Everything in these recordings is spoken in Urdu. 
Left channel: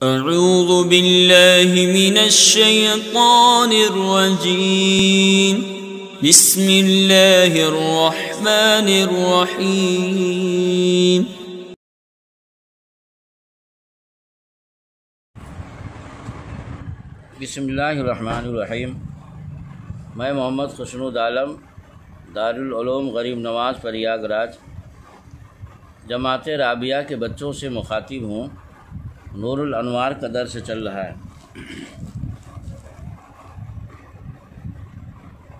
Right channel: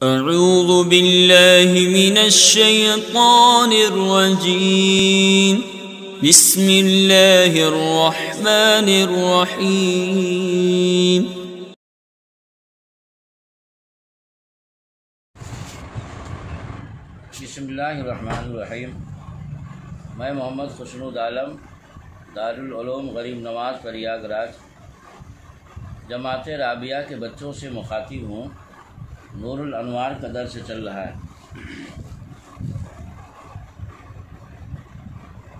اعوذ باللہ من الشیطان الرجیم بسم اللہ الرحمن الرحیم بسم اللہ الرحمن الرحیم۔ میں محمد خسرود عالم دارالعلوم غریب نواز پریاگ راج جماعت رابعہ کے بچوں سے مخاطب ہوں۔ نور الانوار کا درس چل رہا ہے۔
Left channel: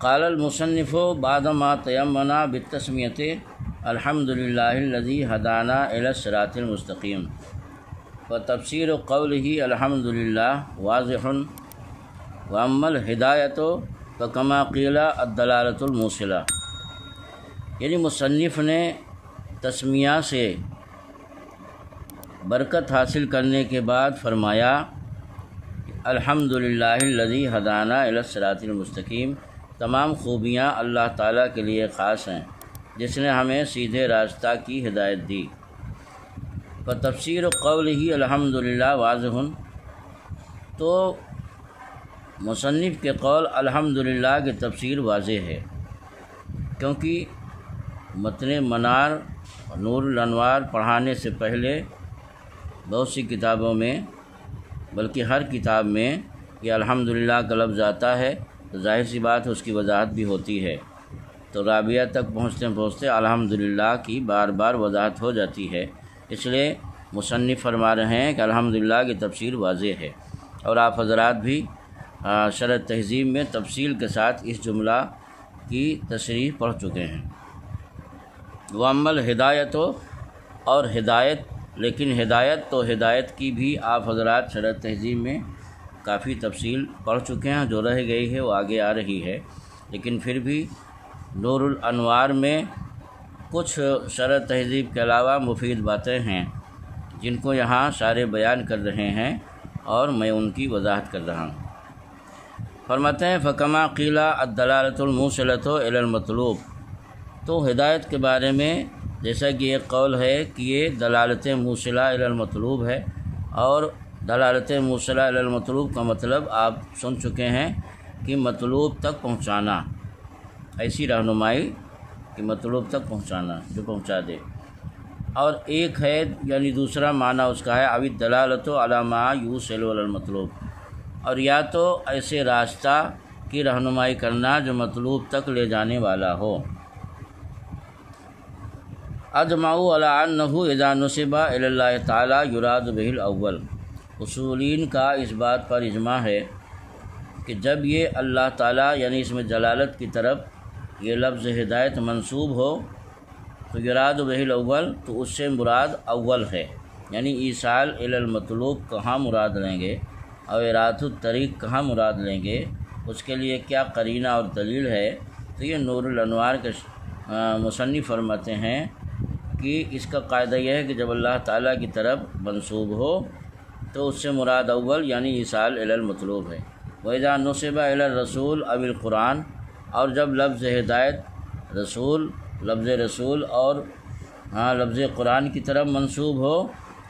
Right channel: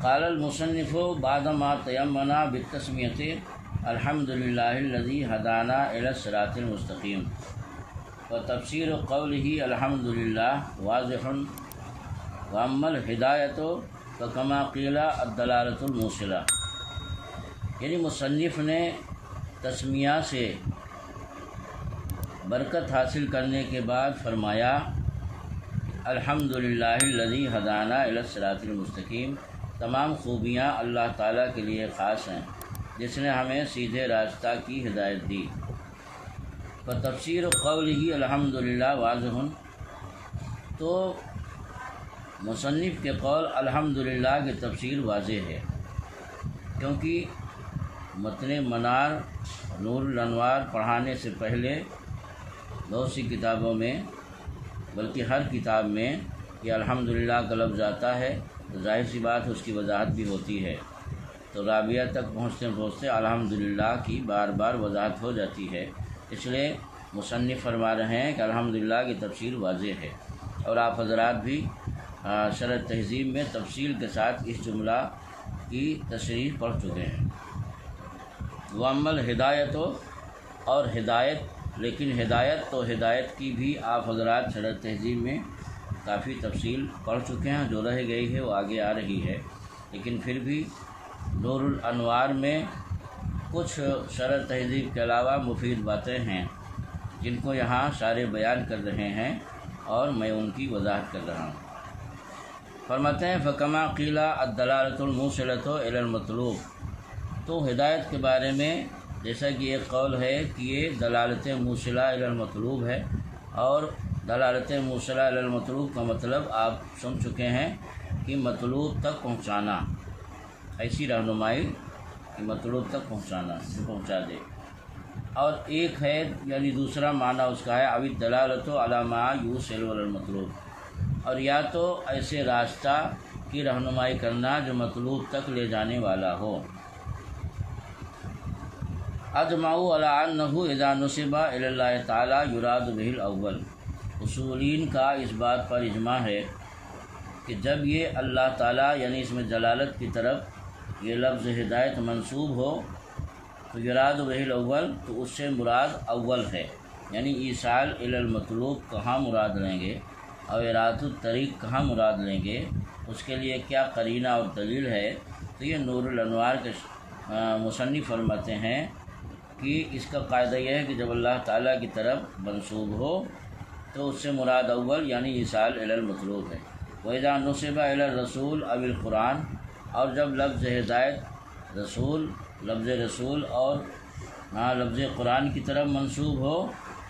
قال المصنف بعد ما تیمنا بالتسمیۃ الحمد للہ الذی ہدانا الی الصراط المستقیم وتفسیر قولہ الحمد للہ واضح واما الہدایۃ فکما قیل الدلالۃ الموصلہ، یعنی مصنف نے تسمیہ سے برکت حاصل کرنے کے بعد فرمایا الحمد للہ الذی ہدانا الی الصراط المستقیم، تمام خوبیاں اللہ تعالیٰ کے لیے خاص ہیں جس نے ہمیں سیدھے راستہ کی ہدایت دی۔ تفسیر قولہ الحمد للہ واضح، تو مصنف کے قول الحمد للہ کی تفسیر واضح ہے، کیونکہ متن منار نور الانوار پڑھانے سے پہلے بہت سی کتابوں میں بلکہ ہر کتاب میں یہ الحمدللہ کا لفظ آتا ہے، تو ظاہر سی بات ہے اس کی وضاحت بھی ہوتی ہے۔ تو رابعہ تک پہنچتے الحمدللہ کی بار بار وضاحت ہو جاتی ہے، اس لیے مصنف فرما رہے ہیں کہ الحمدللہ کی تفسیر واضح ہے، اور آپ حضرات بھی شرح تہذیب میں تفصیل کے ساتھ اس جملہ کی تشریح پڑھ چکے ہیں۔ وَأَمَّا الْهِدَایَةُ، اور ہدایت، لیکن ہدایت کی بھی آپ حضرات شرح تہذیب میں کافی تفصیل پڑھ چکے ہیں، جو رہ گئی ہے وہ آگے آ رہی ہے، لیکن پھر بھی نور الانوار میں کچھ شرح تہذیب کے علاوہ مفید باتیں ہیں جن کو یہاں سارے بیان کر رہے ہیں اور میں ان کی وضاحت کر رہا ہوں۔ فرماتے ہیں فکما قیل الدلالۃ الموصلۃ الی المطلوب، تو ہدایت کے بارے میں جیسا کہ ایک قول ہے کہ یہ دلالت موصلہ الی المطلوب ہے، اور دلالت موصلہ الی المطلوب کا مطلب آپ سن چکے ہیں کہ مطلوب تک پہنچانا، ایسی رہنمائی کہ مطلوب تک پہنچانا جو پہنچا دے، اور ایک ہے یعنی دوسرا معنی اس کا ہے اوی الدلالۃ علی ما یوصل الی المطلوب، اور یا تو ایسے راستہ کی رہنمائی کرنا جو مطلوب تک لے جانے والا ہو۔ اجمعوا علی انہ اذا نسب الی اللہ تعالی یراد بہ الاول، اصولین کا اس بات پر اجماع ہے کہ جب یہ اللہ تعالیٰ یعنی اس میں جلالت کی طرف یہ لفظ ہدایت منسوب ہو تو یراد بہ الاول، تو اس سے مراد اول ہے، یعنی ایصال الی المطلوب کہاں مراد لیں گے اور ارادۃ الطریق کہاں مراد لیں گے، اس کے لیے کیا قرینہ اور دلیل ہے۔ تو یہ نور الانوار کے مصنف فرماتے ہیں کہ اس کا قاعدہ یہ ہے کہ جب اللہ تعالیٰ کی طرف منسوب ہو تو اس سے مراد اول یعنی ایصال الی المطلوب ہے۔ وَإِذَا نُسِبَ إِلَى الرَّسُولِ أَوِ الْقُرْآنِ، اور جب لفظ ہدایت لفظ رسول اور لفظ قرآن کی طرف منسوب ہو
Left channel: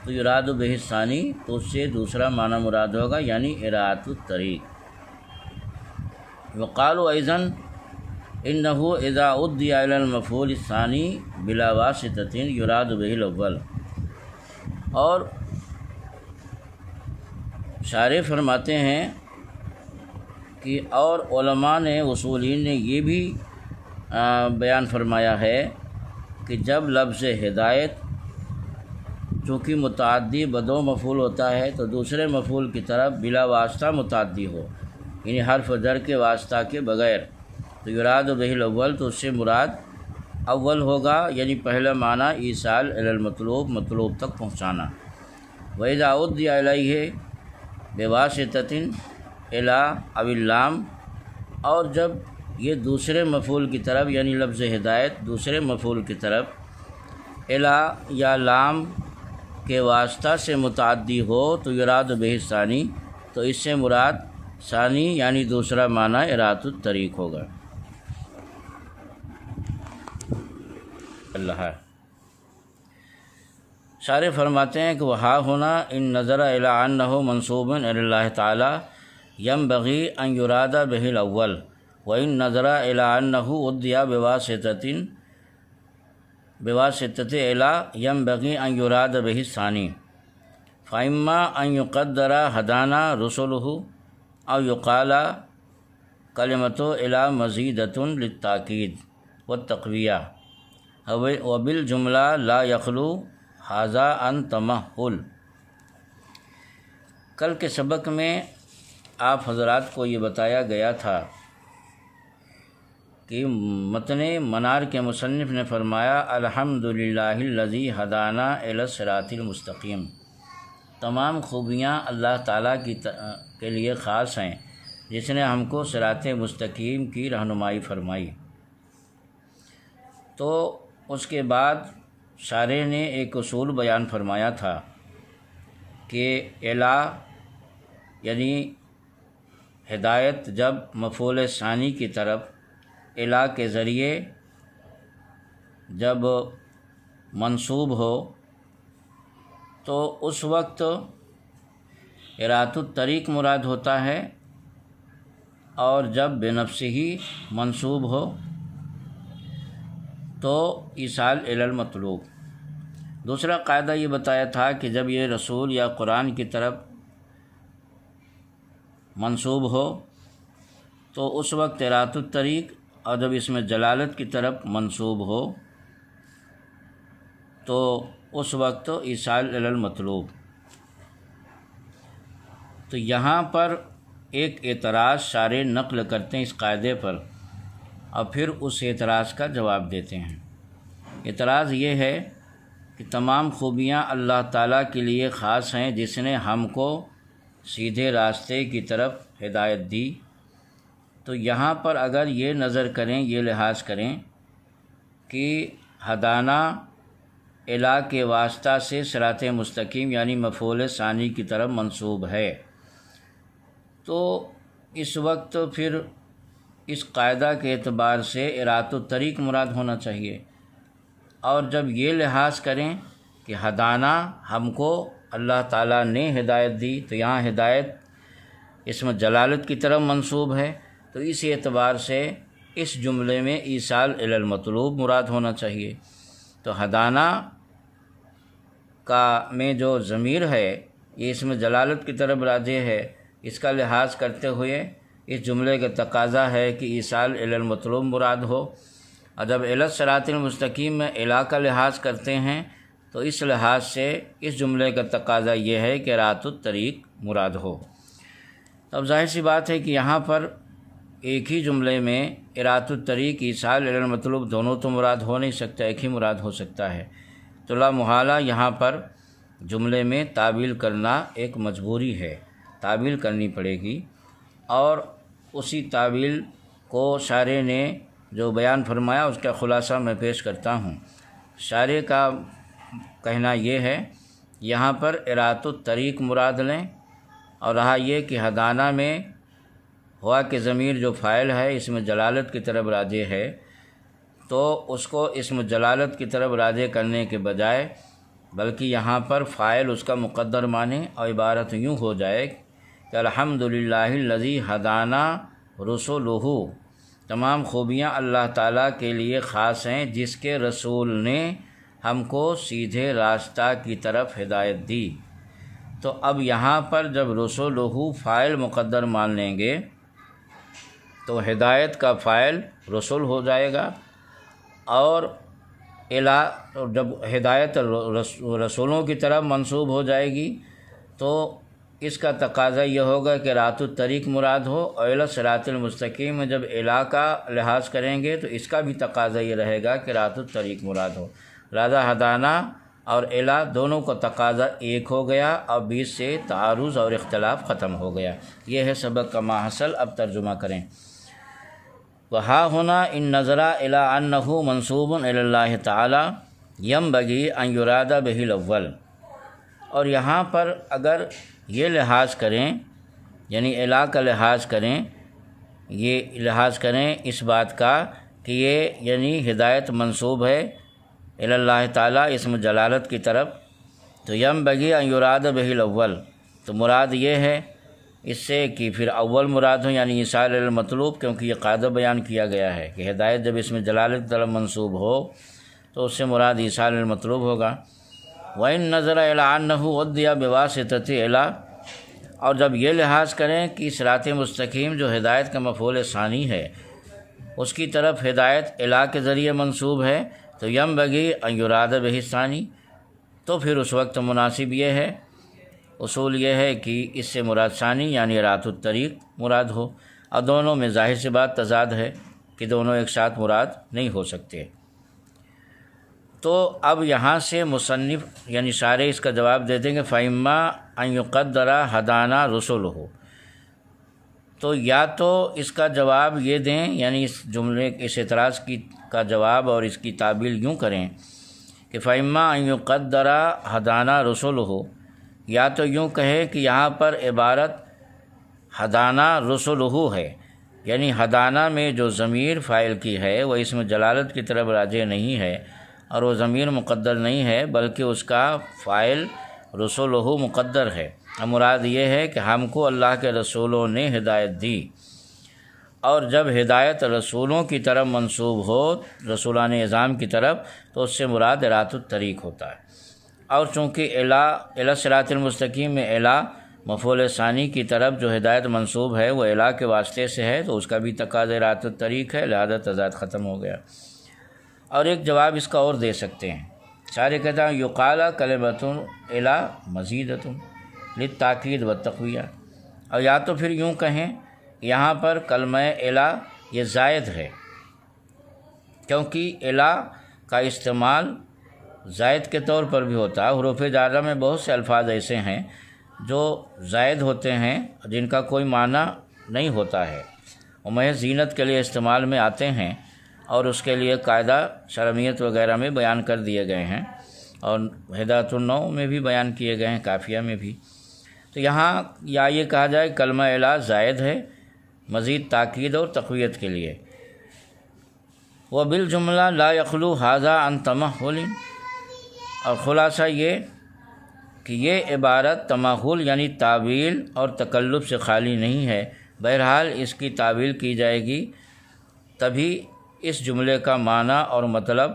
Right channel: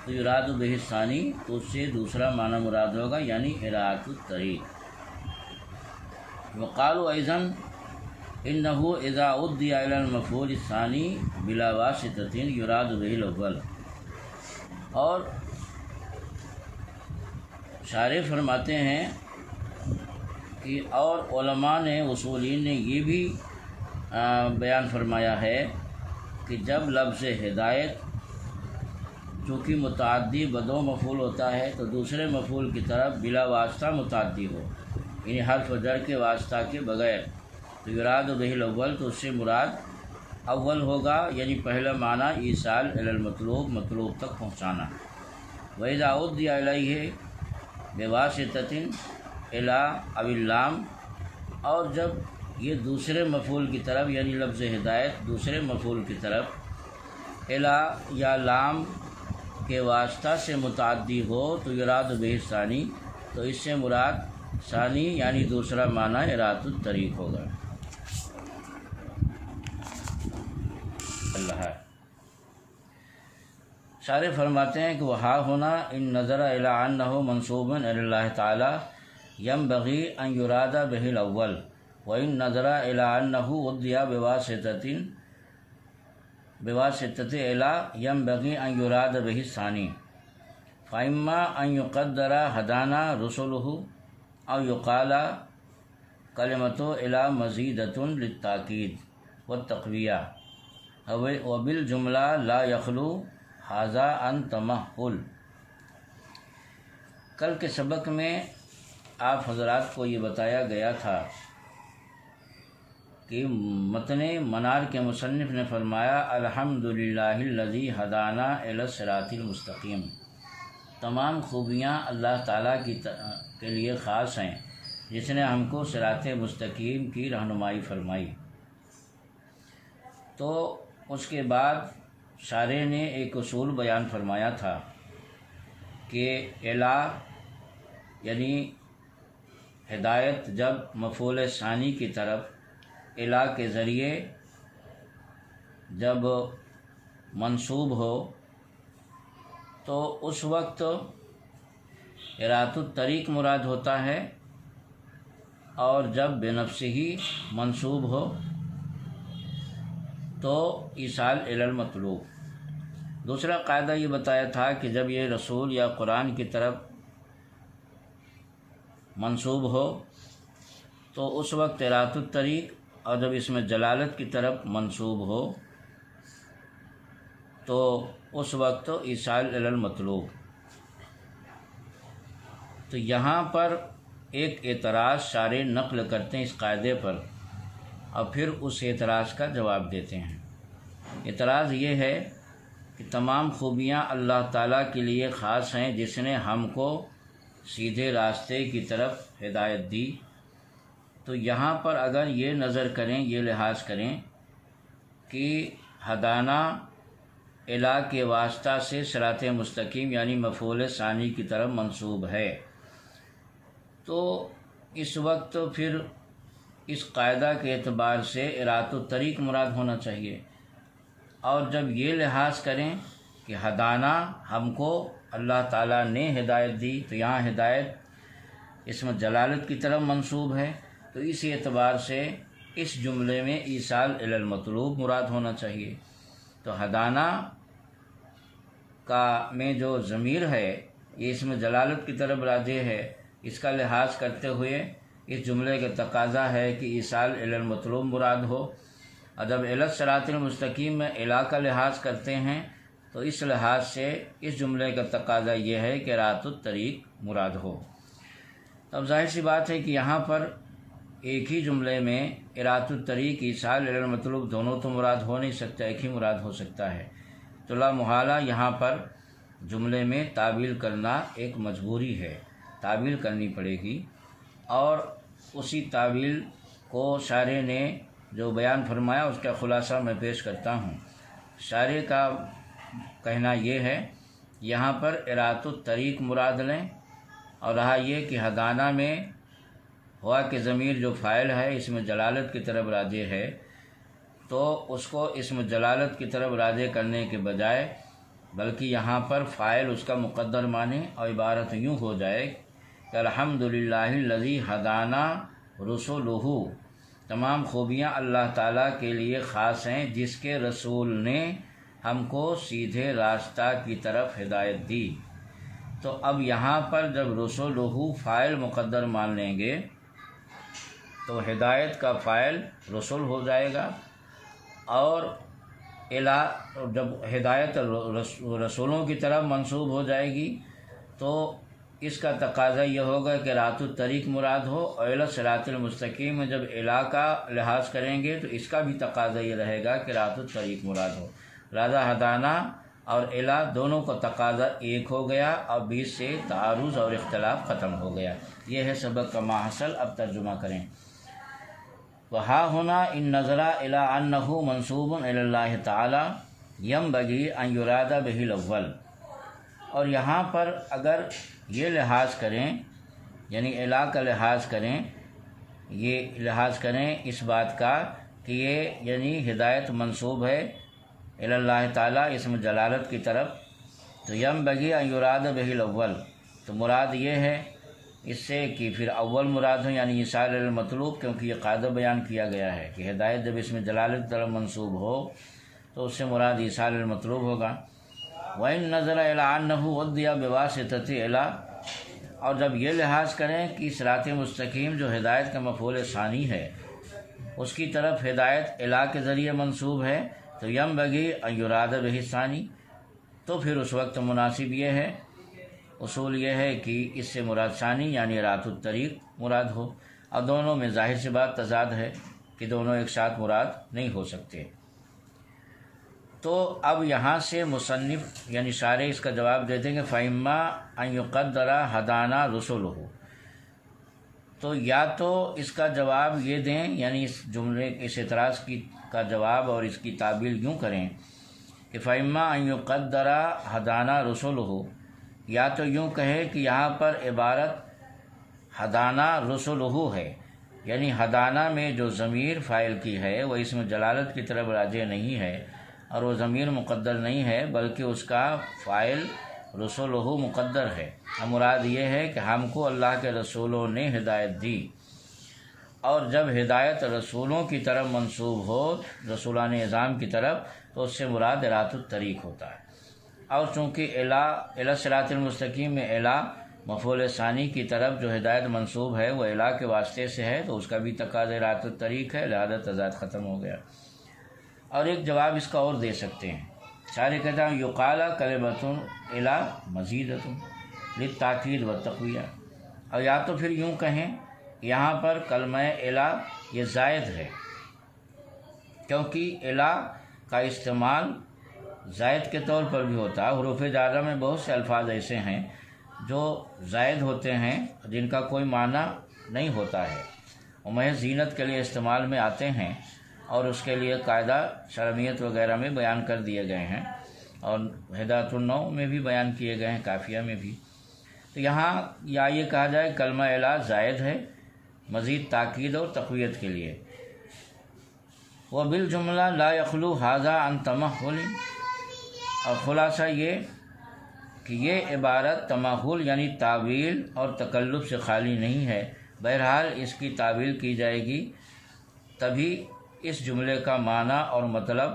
تو یراد بہ الثانی، تو اس سے دوسرا معنی مراد ہوگا یعنی ارادۃ الطریق۔ وقالوا أيضاً إنه إذا أُضِّيَ إلى المفعول الثاني بلا واسطة يراد به الأول، اور شارح فرماتے ہیں کہ اور علماء نے اصولین نے یہ بھی بیان فرمایا ہے کہ جب لفظ ہدایت چونکہ متعدی بدو مفعول ہوتا ہے تو دوسرے مفعول کی طرف بلا واسطہ متعدی ہو، یعنی حرف جر کے واسطہ کے بغیر، تو یراد بہ الاول، تو اس سے مراد اول ہوگا، یعنی پہلا معنی ایصال الی المطلوب، مطلوب تک پہنچانا۔ وَإِذَا أُضِّيَ إِلَيْهِ بِوَاسِطَةٍ إِلَى أَوِ اللَّامِ، اور جب یہ دوسرے مفعول کی طرف یعنی لفظ ہدایت دوسرے مفعول کی طرف الی یا لام کے واسطہ سے متعدی ہو تو یراد بہ الثانی، تو اس سے مراد ثانی یعنی دوسرا معنی ارادۃ الطریق ہوگا۔ اللہ شارح فرماتے ہیں کہ وہا ہونا ان نظر الی انہ منصوب الی اللہ تعالی ینبغی ان یراد بہ الاول وان نظر الی انہ ادعی بواسطۃ الی ینبغی ان یراد بہ الثانی فاما ان یقدر ہدانا رسلہ او یقال کلمۃ الی مزیدۃ للتاکید والتقویہ وبالجملہ لا یخلو ھذا ان تمہل۔ کل کے سبق میں آپ حضرات کو یہ بتایا گیا تھا کہ متن منار کے مصنف نے فرمایا الحمدللہ الذی ہدانا الی الصراط المستقیم، تمام خوبیاں اللہ تعالیٰ کے لیے خاص ہیں جس نے ہم کو صراط مستقیم کی رہنمائی فرمائی۔ تو اس کے بعد شارح نے ایک اصول بیان فرمایا تھا کہ الا یعنی ہدایت جب مفعول ثانی کی طرف الا کے ذریعے جب منصوب ہو تو اس وقت ارات الطریق مراد ہوتا ہے، اور جب بنفسہ ہی منصوب ہو تو ایصال الی المطلوب۔ دوسرا قاعدہ یہ بتایا تھا کہ جب یہ رسول یا قرآن کی طرف منصوب ہو تو اس وقت ارات الطریق، اور جب اس میں جلالت کی طرف منصوب ہو تو اس وقت ایصال الی المطلوب۔ تو یہاں پر ایک اعتراض شارح نقل کرتے ہیں اس قاعدے پر، اور پھر اس اعتراض کا جواب دیتے ہیں۔ اعتراض یہ ہے کہ تمام خوبیاں اللہ تعالیٰ کے لیے خاص ہیں جس نے ہم کو سیدھے راستے کی طرف ہدایت دی۔ تو یہاں پر اگر یہ نظر کریں، یہ لحاظ کریں کہ ہدانا الا کے واسطہ سے صراط مستقیم یعنی مفعول ثانی کی طرف منصوب ہے، تو اس وقت پھر اس قاعدہ کے اعتبار سے ارات الطریق مراد ہونا چاہیے۔ اور جب یہ لحاظ کریں کہ ہدانا ہم کو اللہ تعالیٰ نے ہدایت دی، تو یہاں ہدایت اسم جلالت کی طرف منصوب ہے، تو اس اعتبار سے اس جملے میں ایصال الی المطلوب مراد ہونا چاہیے۔ تو ہدانا کا میں جو ضمیر ہے یہ اسم جلالت کی طرف راجع ہے، اس کا لحاظ کرتے ہوئے اس جملے کا تقاضا ہے کہ ایصال الی المطلوب مراد ہو۔ اور جب الی الصراط المستقیم میں الا کا لحاظ کرتے ہیں تو اس لحاظ سے اس جملے کا تقاضا یہ ہے کہ ارات الطریق مراد ہو۔ اب ظاہر سی بات ہے کہ یہاں پر ایک ہی جملے میں ارات الطریق ایصال الی المطلوب دونوں تو مراد ہو نہیں سکتا، ایک ہی مراد ہو سکتا ہے۔ تو لا محالہ یہاں پر جملے میں تعویل کرنا ایک مجبوری ہے، تعویل کرنی پڑے گی، اور اسی تعویل کو شارح نے جو بیان فرمایا اس کا خلاصہ میں پیش کرتا ہوں۔ شارح کا کہنا یہ ہے یہاں پر ارات الطریق مراد لیں، اور رہا یہ کہ ہدانا میں ہوا کہ ضمیر جو فاعل ہے اس میں جلالت کی طرف راجع ہے، تو اس کو اسم جلالت کی طرف راجع کرنے کے بجائے بلکہ یہاں پر فاعل اس کا مقدر مانے، اور عبارت یوں ہو جائے کہ الحمدللہ الذی ہدانا رسولہ، تمام خوبیاں اللہ تعالیٰ کے لیے خاص ہیں جس کے رسول نے ہم کو سیدھے راستہ کی طرف ہدایت دی۔ تو اب یہاں پر جب رسولہ فاعل مقدر مان لیں گے تو ہدایت کا فاعل رسول ہو جائے گا، اور جب ہدایت رسولوں کی طرف منصوب ہو جائے گی تو اس کا تقاضا یہ ہوگا کہ ارات الطریق مراد ہو، اور الی الصراط المستقیم میں جب الا کا لحاظ کریں گے تو اس کا بھی تقاضا یہ رہے گا کہ ارات الطریق مراد ہو۔ لہذا ہدانا اور الا دونوں کو تقاضا ایک ہو گیا، اور بیچ سے تعارض اور اختلاف ختم ہو گیا۔ یہ ہے سبق کا ماحصل۔ اب ترجمہ کریں۔ وہا ہونا ان نظرہ الی انہ منصوب الی اللہ تعالی ینبغی ان یراد بہ الاول، اور یہاں پر اگر یہ لحاظ کریں یعنی الا کا لحاظ کریں، یہ لحاظ کریں اس بات کا کہ یہ یعنی ہدایت منصوب ہے الی اللہ تعالی اسم جلالت کی طرف، تو یم بگی ان یراد بہ الاول، تو مراد یہ ہے اس سے کہ پھر اول مراد ہو، یعنی ایصال المطلوب، کیونکہ یہ قاعدہ بیان کیا گیا ہے کہ ہدایت جب اس میں جلالت طلب منصوب ہو تو اس سے مراد ایصال المطلوب ہوگا۔ وَإِن نَظَرَ إِلَىٰ أَنَّهُ أُدِّيَ بِوَاسِطَةِ إِلَىٰ، اور جب یہ لحاظ کریں کہ صراط مستقیم جو ہدایت کا مفعول ثانی ہے اس کی طرف ہدایت الہ کے ذریعے منصوب ہے، تو یم بگی ان یراد بہ الثانی، تو پھر اس وقت مناسب یہ ہے، اصول یہ ہے کہ اس سے مراد ثانی یعنی راۃ الطریق مراد ہو، اور دونوں میں ظاہر سی بات تضاد ہے کہ دونوں ایک ساتھ مراد نہیں ہو سکتے۔ تو اب یہاں سے مصنف یعنی سارے اس کا جواب دے دیں گے فَإِمَّا أَن يُقَدَّرَ هَدَانَا رُسُلُهُ، تو یا تو اس کا جواب یہ دیں، یعنی اس جملے اس اعتراض کا جواب اور اس کی تعبیل یوں کریں کہ فَإِمَّا أَن يُقَدَّرَ هَدَانَا رُسُلُهُ، یا تو یوں کہے کہ یہاں پر عبارت ہدانہ رسولہ ہے، یعنی ہدانہ میں جو ضمیر فاعل کی ہے وہ اسم جلالت کی طرف راجع نہیں ہے اور وہ ضمیر مقدر نہیں ہے، بلکہ اس کا فاعل رسولہ مقدر ہے۔ مراد یہ ہے کہ ہم کو اللہ کے رسولوں نے ہدایت دی، اور جب ہدایت رسولوں کی طرف منسوب ہو، رسولان اعظام کی طرف، تو اس سے مراد راۃ الطریق ہوتا ہے۔ اور چونکہ الی صراط المستقیم میں الی مفعول ثانی کی طرف جو ہدایت منصوب ہے وہ الی کے واسطے سے ہے، تو اس کا بھی تقاضا راۃ الطریق ہے، لہذا تضاد ختم ہو گیا۔ اور ایک جواب اس کا اور دے سکتے ہیں، سارے کہتا ہوں یقال کلمۃ الی مزیدۃ للتاکید والتقویہ، اور یا تو پھر یوں کہیں یہاں پر کلمہ الی یہ زائد ہے، کیونکہ الی کا استعمال زائد کے طور پر بھی ہوتا ہے۔ حروف جارہ میں بہت سے الفاظ ایسے ہیں جو زائد ہوتے ہیں جن کا کوئی معنی نہیں ہوتا ہے، وہ محض زینت کے لیے استعمال میں آتے ہیں، اور اس کے لیے قاعدہ شرمیت وغیرہ میں بیان کر دیے گئے ہیں، اور ہدایت النوع میں بھی بیان کیے گئے ہیں، کافیہ میں بھی۔ تو یہاں یا یہ کہا جائے کلمہ الی زائد ہے مزید تاکید اور تقویت کے لیے۔ وبالجملہ لا یخلو ھذا عن تمحل، اور خلاصہ یہ کہ یہ عبارت تمحل یعنی تعویل اور تکلف سے خالی نہیں ہے، بہرحال اس کی تعویل کی جائے گی تبھی اس جملے کا معنی اور مطلب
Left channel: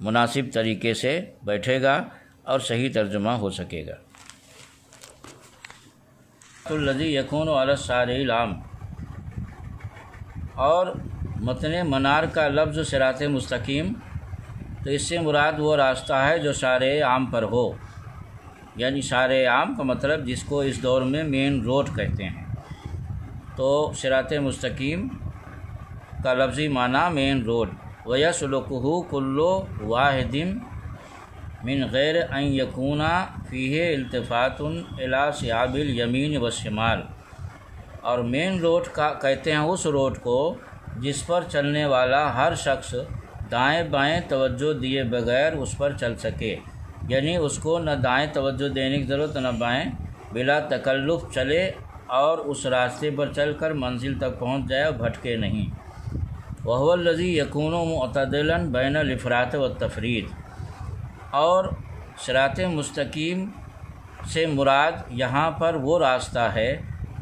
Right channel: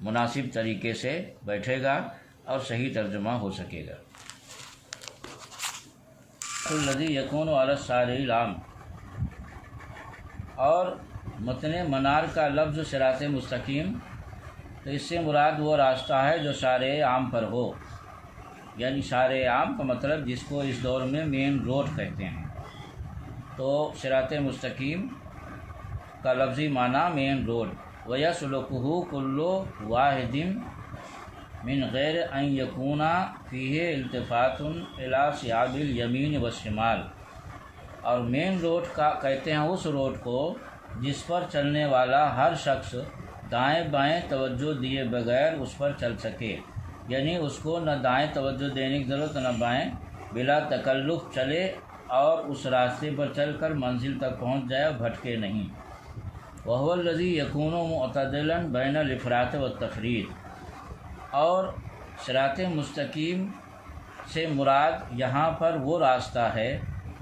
مناسب طریقے سے بیٹھے گا اور صحیح ترجمہ ہو سکے گا۔ الذی یکون علی الشارع العام، اور متن منار کا لفظ صراط مستقیم، تو اس سے مراد وہ راستہ ہے جو شارع عام پر ہو، یعنی شارع عام کا مطلب جس کو اس دور میں مین روڈ کہتے ہیں۔ تو صراط مستقیم کا لفظی معنی مین روڈ، وَيَسْلُكُهُ كُلُّ وَاحِدٍ مِّن غَيْرِ أَن يَكُونَ فِيهِ التفات إِلَىٰ صِحَابِ الْيَمِينِ وَالشِّمَالِ، اور مین روڈ کا کہتے ہیں اس روڈ کو جس پر چلنے والا ہر شخص دائیں بائیں توجہ دیے بغیر اس پر چل سکے، یعنی اس کو نہ دائیں توجہ دینے کی ضرورت نہ بائیں، بلا تکلف چلے اور اس راستے پر چل کر منزل تک پہنچ جائے اور بھٹکے نہیں۔ وَهُوَ الَّذِي يَكُونُ مُعْتَدِلًا بَيْنَ الْإِفْرَاطِ وَالتَّفْرِيطِ، اور صراط مستقیم سے مراد یہاں پر وہ راستہ ہے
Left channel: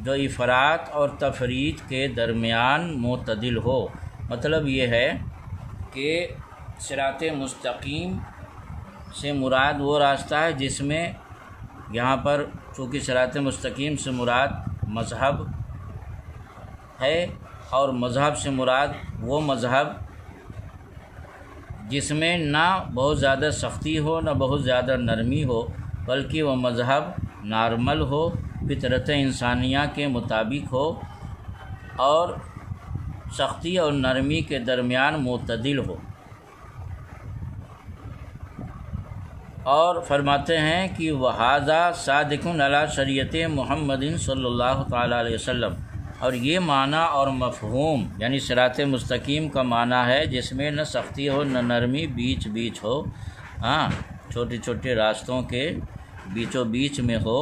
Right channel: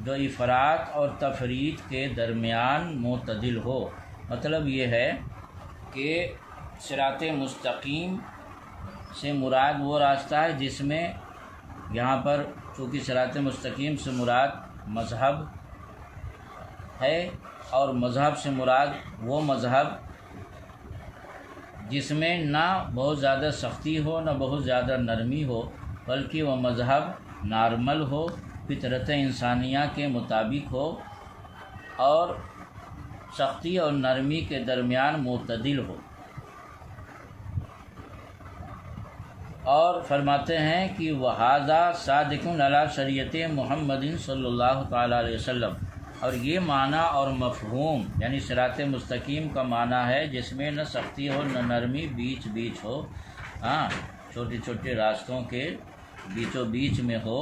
جو افراط اور تفریط کے درمیان معتدل ہو۔ مطلب یہ ہے کہ صراط مستقیم سے مراد وہ راستہ ہے جس میں یہاں پر چونکہ صراط مستقیم سے مراد مذہب ہے، اور مذہب سے مراد وہ مذہب جس میں نہ بہت زیادہ سختی ہو نہ بہت زیادہ نرمی ہو، بلکہ وہ مذہب نارمل ہو، فطرت انسانیہ کے مطابق ہو، اور سختی اور نرمی کے درمیان معتدل ہو۔ اور فرماتے ہیں کہ وَهَذَا صَادِقٌ عَلَىٰ شریعت محمد صلی اللہ تعالیٰ علیہ وسلم، اور یہ معنی اور مفہوم یعنی صراط مستقیم کا معنی ہے جس میں نہ سختی ہو نہ نرمی، بیچ بیچ ہو، چھوٹے چھوٹے راستوں کے بیچوں بیچ میں ہو،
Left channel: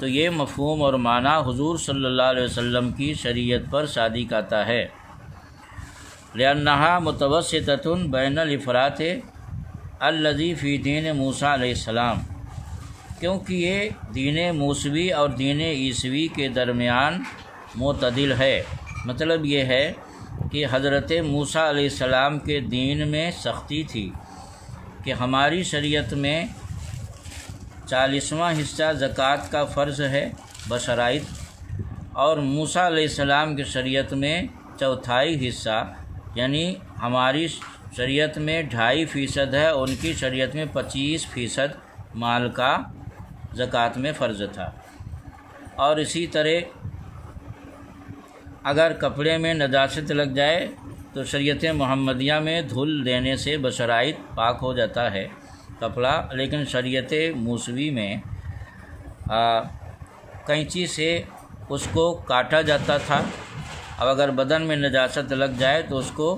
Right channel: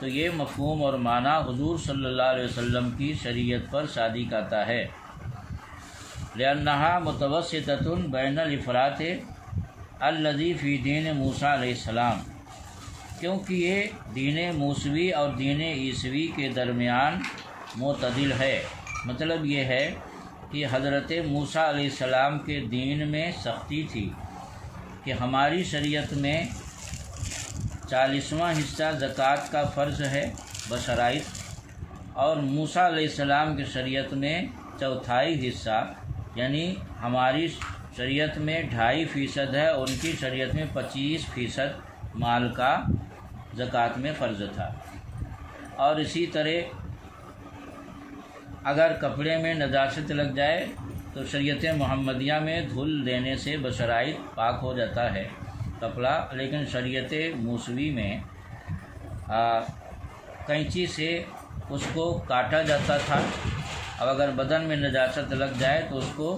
تو یہ مفہوم اور معنی حضور صلی اللہ علیہ وسلم کی شریعت پر صادق آتا ہے۔ لأنها متوسطة بین الافراط الذی فی دین موسیٰ علیہ السلام، کیونکہ یہ دین موسوی اور دین عیسوی کے درمیان معتدل ہے۔ مطلب یہ ہے کہ حضرت موسیٰ علیہ السلام کے دین میں سختی تھی کہ ہماری شریعت میں 40واں حصہ زکوٰۃ کا فرض ہے بشرائط، اور موسیٰ علیہ السلام کی شریعت میں 1/4 حصہ، یعنی ہماری شریعت میں 2.5% ہے، ان کی شریعت میں 25% مال کا زکوٰۃ میں فرض تھا۔ اور اسی طرح اگر کپڑے میں نجاست لگ جائے تو شریعت محمدیہ میں دھل دینے سے بشرائط پاک ہو جاتا ہے کپڑا، لیکن شریعت موسوی میں کینچی سے اس کو کاٹا جاتا تھا، اور اگر بدن میں نجاست لگ جائے تو اس کو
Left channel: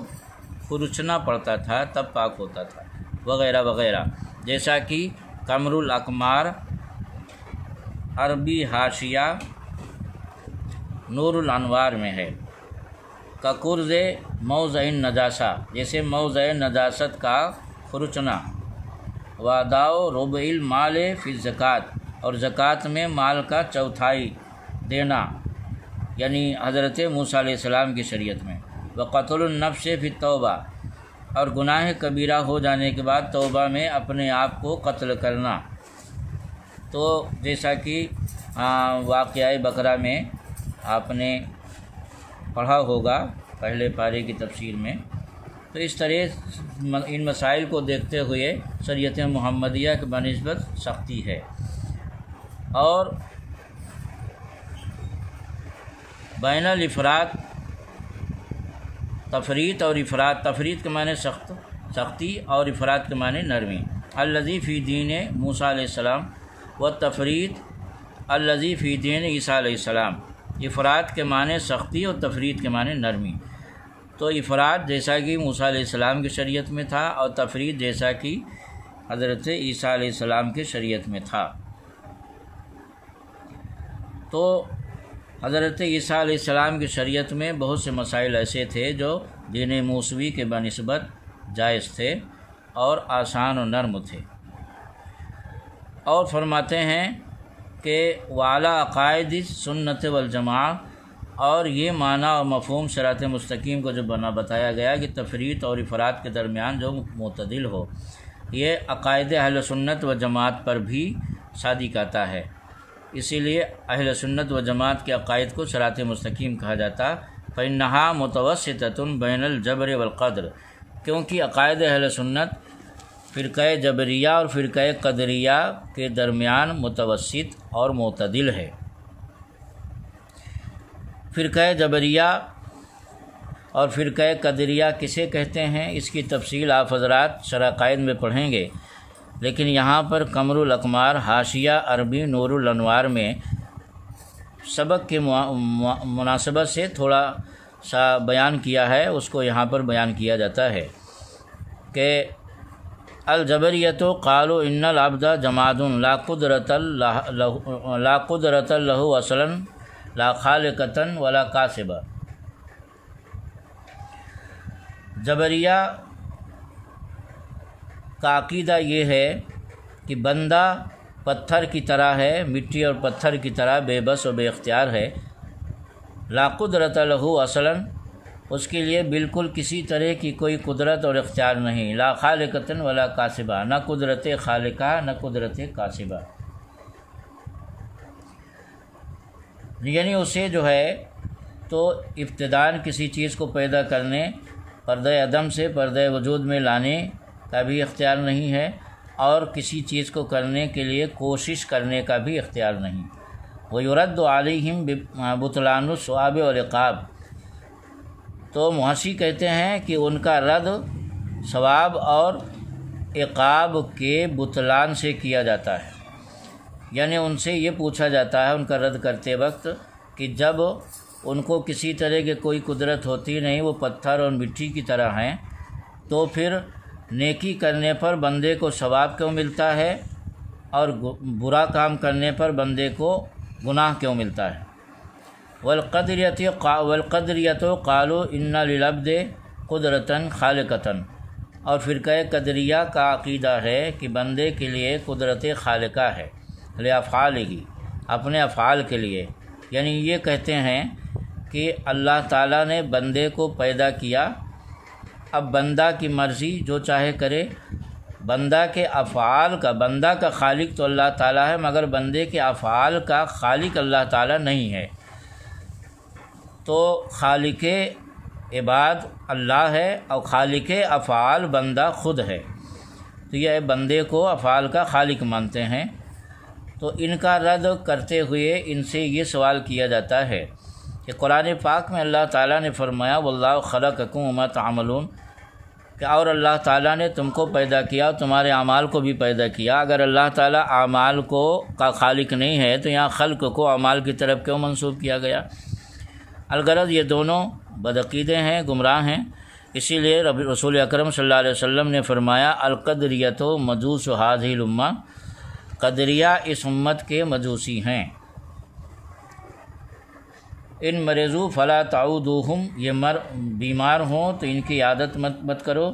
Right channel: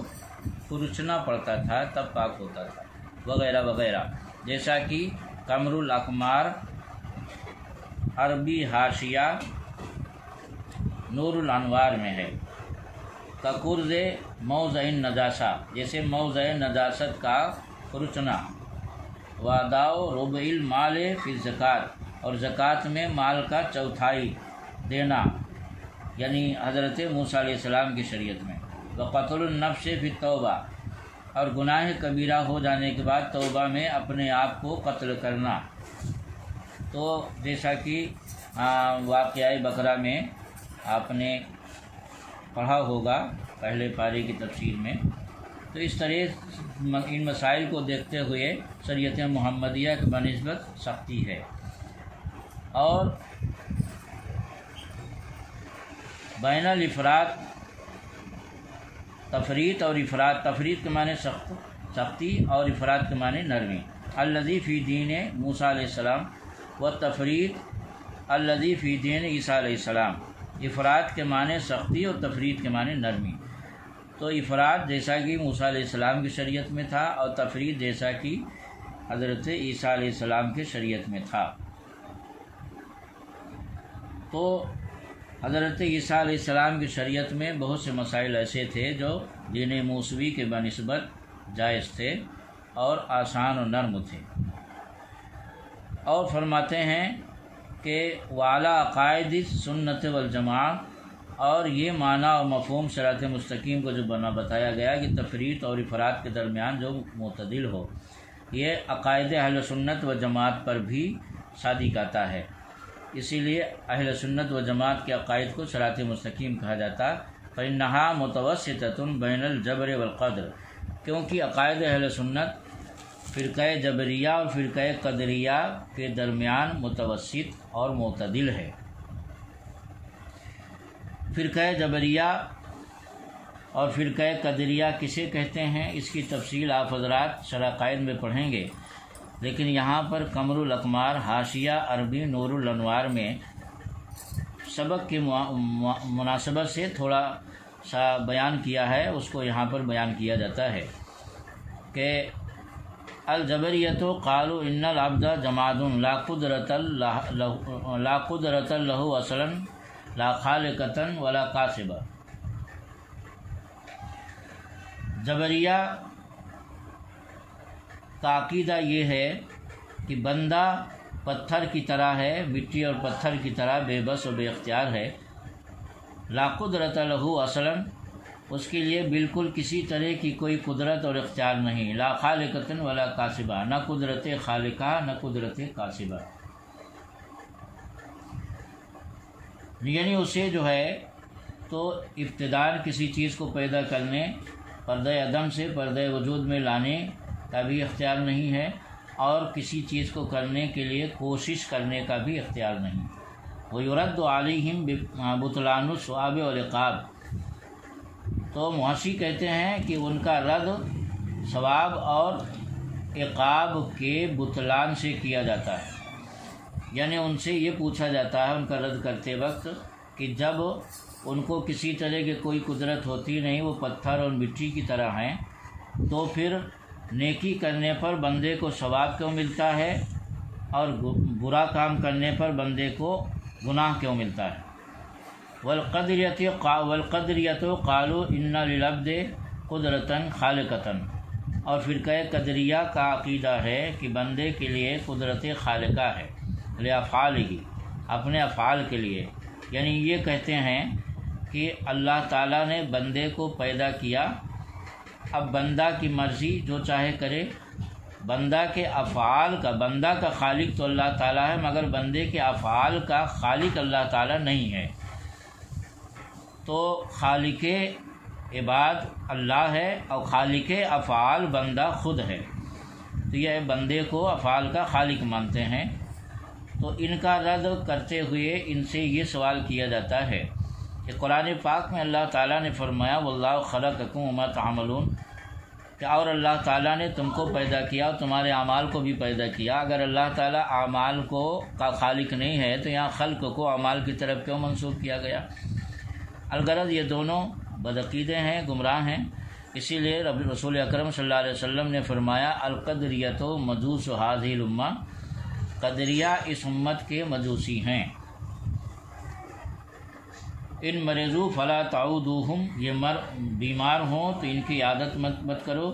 کھرچنا پڑتا تھا، تب پاک ہوتا تھا، وغیرہ وغیرہ، جیسا کہ قمر الاقمار عربی حاشیہ نور الانوار میں ہے۔ کقرض موضع نجاسہ، جیسے موضع نجاست کا کھرچنا، واداء ربع المال فی الزکوٰۃ، اور زکوٰۃ میں مال کا 1/4 دینا، یعنی حضرت موسیٰ علیہ السلام کی شریعت میں، وقتل النفس فی التوبہ، اور گناہ کبیرہ ہو جانے کے بعد توبہ میں اپنے آپ کو قتل کرنا۔ تو جیسا کہ واقعہ بقرہ میں آپ نے پڑھا ہوگا پہلے پارے کی تفسیر میں، تو اس طرح ان مسائل کو دیکھتے ہوئے شریعت محمدیہ کی بنسبت سختی ہے۔ اور بین الافراط، تفریط اور افراط، تفریط کے معنی سختی اور افراط کے معنی نرمی، الذی فی دین موسیٰ علیہ السلام والتفریط الذی فی دین عیسیٰ علیہ السلام۔ افراط کے معنی سختی اور تفریط کے معنی نرمی۔ تو افراط جیسا کہ موسیٰ علیہ السلام کی شریعت میں تھا، اور تفریط جیسا کہ حضرت عیسیٰ علیہ السلام کی شریعت میں تھا۔ تو حضرت عیسیٰ علیہ السلام کی شریعت میں بہت سے مسائل ایسے تھے جو دین موسوی کے بنسبت جائز تھے اور آسان و نرم تھے۔ اور فرماتے ہیں کہ وعلیٰ عقائد سنت والجماع، اور یہ معنی اور مفہوم صراط مستقیم کو جو بتایا گیا کہ تفریط اور افراط کے درمیان جو معتدل ہو، یہ عقائد اہل سنت و جماعت پر بھی صادق آتا ہے۔ اسی لیے اہل سنت و جماعت کے عقائد کو صراط مستقیم کہا جاتا، فإنہا متوسطۃ بین الجبر والقدر، کیونکہ عقائد اہل سنت فرقہ جبریہ اور فرقہ قدریہ کے درمیان متوسط اور معتدل ہے۔ فرقہ جبریہ اور فرقہ قدریہ کسے کہتے ہیں، اس کی تفصیل آپ حضرات شرح قائد میں پڑھیں گے، لیکن یہاں پر قمر الاقمار حاشیہ عربی نور الانوار میں سبق کے مناسبت سے تھوڑا سا بیان کیا ہے، اس کو یہاں پر بیان کیا جاتا ہے کہ الجبریۃ قالوا ان العبد جماد لا قدرۃ له اصلا لا خالقۃ ولا کاسبہ۔ جبریہ کا عقیدہ یہ ہے کہ بندہ پتھر کی طرح ہے، مٹی اور پتھر کی طرح بے بس و بے اختیار ہے، لا قدرۃ له اصلا، اس کے لیے بالکل کسی طرح کی کوئی قدرت اور اختیار نہیں، لا خالقۃ ولا کاسبہ، نہ قدرت خالقہ نہ قدرت کاسبہ، یعنی اسے جو ہے تو ابتداءً کسی چیز کو پیدا کرنے، پردہ عدم سے پردہ وجود میں لانے کا بھی اختیار نہیں ہے، اور کسی چیز کو کرنے کے لیے کوشش کرنے کا بھی اختیار نہیں۔ وَيُرَدُّ عَلَيْهِمْ بُطْلَانُ الثواب والعقاب، تو محشی کہتے ہیں کہ ان کا رد ثواب اور عقاب کے بطلان سے کیا جاتا ہے، یعنی ان سے یہ پوچھا جاتا ہے ان کا رد کرتے وقت کہ جب ان کو کسی طرح کی کوئی قدرت ہوتی نہیں، وہ پتھر اور مٹی کی طرح ہیں، تو پھر نیکی کرنے پر بندے کو ثواب کیوں ملتا ہے اور برا کام کرنے پر بندے کو گناہ کیوں ملتا ہے؟ والقدریۃ قالوا ان للعبد قدرۃ خالقۃ، اور فرقہ قدریہ کا عقیدہ ہے کہ بندے کے لیے قدرت خالقہ ہے، لافعالہ، اپنے افعال کے لیے، یعنی یہ کہتے ہیں کہ اللہ تعالیٰ نے بندے کو پیدا کیا، اب بندہ کی مرضی جو چاہے کرے، بندہ کے افعال کا، بندہ کا خالق تو اللہ تعالیٰ ہے مگر بندے کے افعال کا خالق اللہ تعالیٰ نہیں ہے، تو خالق عباد اللہ ہے اور خالق افعال بندہ خود ہے، تو یہ بندے کو افعال کا خالق مانتے ہیں۔ تو ان کا رد کرتے ہوئے ان سے یہ سوال کیا جاتا ہے کہ قرآن پاک میں اللہ تعالیٰ نے فرمایا واللہ خلقکم وما تعملون، کہ اور اللہ تعالیٰ نے تم کو پیدا کیا، تمہارے اعمال کو بھی پیدا کیا۔ اگر اللہ تعالیٰ اعمال کو کا خالق نہیں ہے تو یہاں خلق کو اعمال کی طرف کیوں منسوب کیا گیا؟ الغرض یہ دونوں بدعقیدے ہیں، گمراہ ہیں، اسی لیے رسول اکرم صلی اللہ علیہ وسلم نے فرمایا القدریۃ مجوس هذه الامہ، قدریہ اس امت کے مجوسی ہیں۔ ان مریضو فلا تعودوہم، یہ بیمار ہوں تو ان کی عادت مت کرو،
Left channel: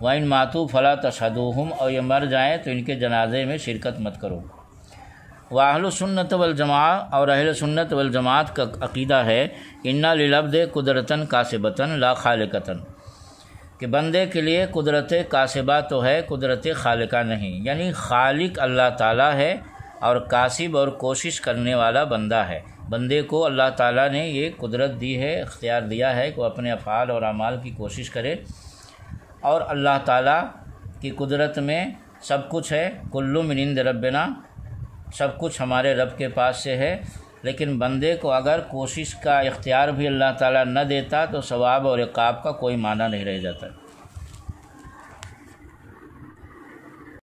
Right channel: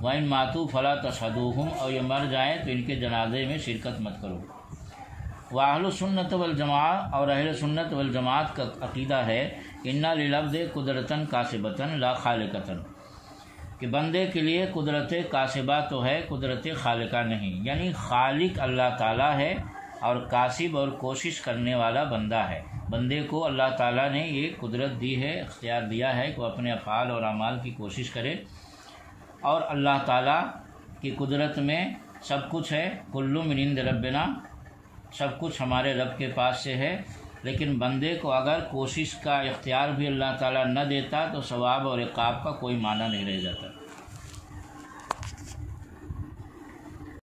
وَإِن ماتوا فلا تشہدوہم، اور یہ مر جائیں تو ان کے جنازے میں شرکت مت کرو۔ وَأَهْلُ السُّنَّةِ وَالْجَمَاعَةِ، اور اہل سنت والجماعت کا عقیدہ ہے اِنَّ لِلْعَبْدِ قُدْرَةً کاسبةً لا خالقةً، کہ بندے کے لیے قدرت کاسبہ تو ہے، قدرت خالقہ نہیں، یعنی خالق اللہ تعالیٰ ہے اور کاسب اور کوشش کرنے والا بندہ ہے۔ بندے کو اللہ تعالیٰ نے یہ قدرت دی ہے، اختیار دیا ہے کہ وہ اپنے افعال اور اعمال کی کوشش کرے، اور اللہ تعالیٰ کی قدرت میں سب کچھ ہے، کل من عند ربنا، سب کچھ ہمارے رب کے پاس سے ہے، لیکن بندے کو اگر کوشش کا اختیار بھی اللہ تعالیٰ نہ دیتا تو ثواب اور عقاب کا کوئی معنی نہیں رہ جاتا۔